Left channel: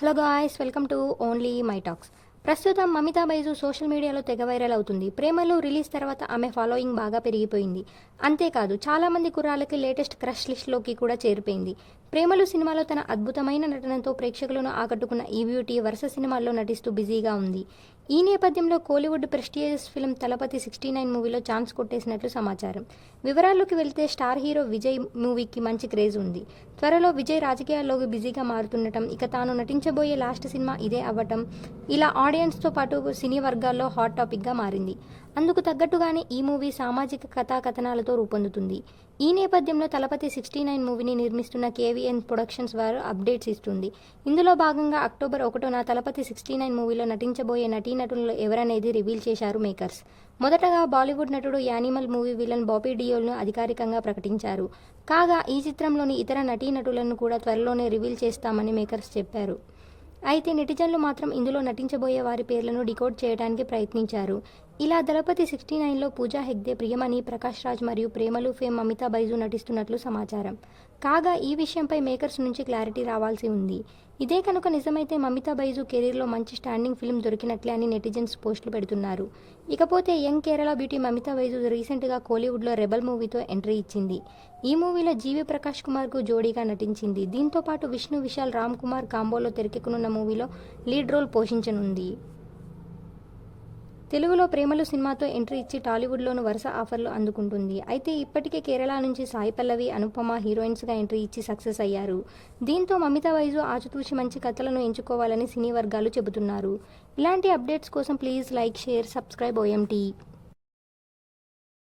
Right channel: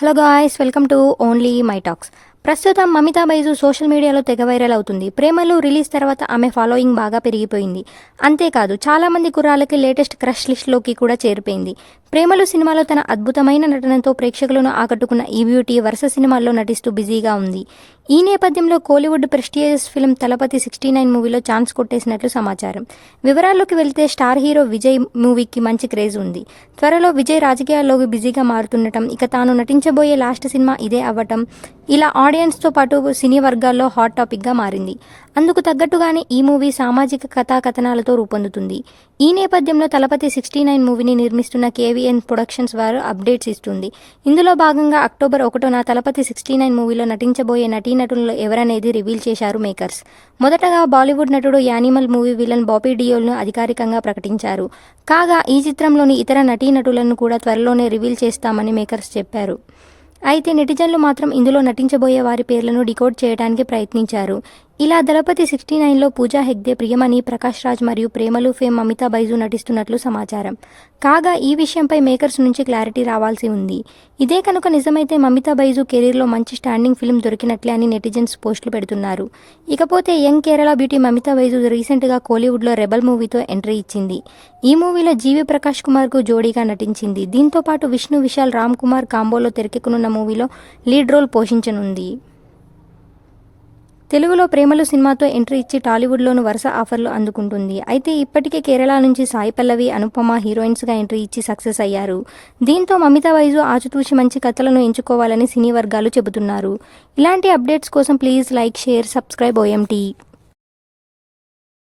Hello guys, welcome to only my talks. ప్రస్తుతం Mamitha Baiju social మీడియాలో తెగ వైరల్ అవుతుంది. ప్రేమలు రిలీజ్ తర్వాత ఆమె ఫాలోయింగ్ బాగా పెరిగిపోయింది. అంతేకాదు చాలామంది కుర్రాళ్ళకి లేటెస్ట్ క్రష్ లిస్ట్లోకి కూడా చేరిపోయింది. ప్రేమలు సినిమాలో తన అద్భుతమైన నటనతో ప్రేక్షకులను ఆకట్టుకున్న ఈ బ్యూటీ వరుస సినిమాల్లో నటిస్తూ బిజీగా ఉంది. ఈ నేపథ్యంలో కోలీవుడ్ ప్రెస్టీజియస్ ఫిల్మ్ తలపతి 69 మూవీలో ఛాన్స్ కొట్టేసినట్లు సమాచారం. వివరాల్లోకి వెళ్తే స్టార్ హీరో విజయ్ మూవీకి మంచి క్రేజ్ ఉంది. త్వరలో విజయ్ రాజకీయాల్లోకి బిజీగా మారుతుండటం, ఇక తాను నటించబోయే లాస్ట్ సినిమా ఇదే అవ్వటం ఇలా ఆడియన్స్తో పాటు సినీ వర్గాల్లో హాట్ టాపిక్గా మారింది. అందుకు తగ్గట్టుగానే ఈ మూవీ సామాజిక కథాకథనాలతో రూపొందుతుంది. ఈ నేపథ్యంలో తలపతి 69 మూవీని నిర్మిస్తున్న కేవీఎన్ ప్రొడక్షన్స్ వారు అప్డేట్స్ ఇస్తుంది. ఇందులో భాగంగా అక్టోబర్ 1న తలపతి 69 మూవీలో నటించబోయే నటీనటుల్లో ఎవరనేది రివీల్ చేశారు మేకర్స్. మొదటగా బాలీవుడ్ నటుడు యానిమల్ మూవీ విలన్ బాబీ డియోల్ను అధికారికంగా ప్రకటించారు. కాగా ఈ చిత్రంలోని ఇతర నటీనటులను కూడా త్వరలోనే రివీల్ చేస్తామని మేకర్స్ చెప్పారు. అయితే నెటిజన్లు మాత్రం ఇందులో నటించబోయే వారి పేర్లను డికోడ్ చేయడానికి ప్రయత్నించారు. ఇలా దళపతి 69లో పూజా హెగ్డే, ప్రియమణి, ప్రకాష్ రాజ్ మరియు ప్రేమలు ఫేమ్ మమితా బైజు నటిస్తున్నట్లు సమాచారం. కాగా ఈ విషయంపై మేకర్స్ నుంచి క్లారిటీ రావాల్సి ఉంది. ఇదే కనుక నిజమైతే మమితా బైజు కెరీర్లో మంచి స్టాండింగ్ ఫిల్మ్ దొరికినట్లే అని నెటిజన్స్ పోస్టులు పెడుతున్నారు. ఇకపోతే యంగ్ కేరళ బ్యూటీ మమితా బైజు రీసెంట్గా కోలీవుడ్లో రెబల్ మూవీతో ఎంట్రీ ఇచ్చింది. ఈ మూవీలో జీవి ప్రకాష్ కుమార్కు జోడీగా నటించింది. దీంతో పాటు విష్ణు విశాల్ రామ్ కుమార్ కాంబోలో తెరకెక్కనున్న మూవీలో లీడ్ రోల్ పోషించనుంది. తెలుగులో ప్రేమలు సినిమాతో ఎంట్రీ ఇచ్చి టాలీవుడ్లోనూ వరుస ఆఫర్లు అందుకుంటుంది. అయితే ఇప్పటికే కేరళ నుంచి సాయి పల్లవి, అనుపమ హీరోయిన్స్గా ఎంట్రీ ఇచ్చి సక్సెస్ అయ్యారు. దీంతో మమితా బైజు ఆచితూచి మంచి కథలను ఎంచుకోవాలని సినీ వర్గాలు చెబుతున్నారు. ఇలాంటి అప్డేట్స్ కోసం please like, share, subscribe OMT.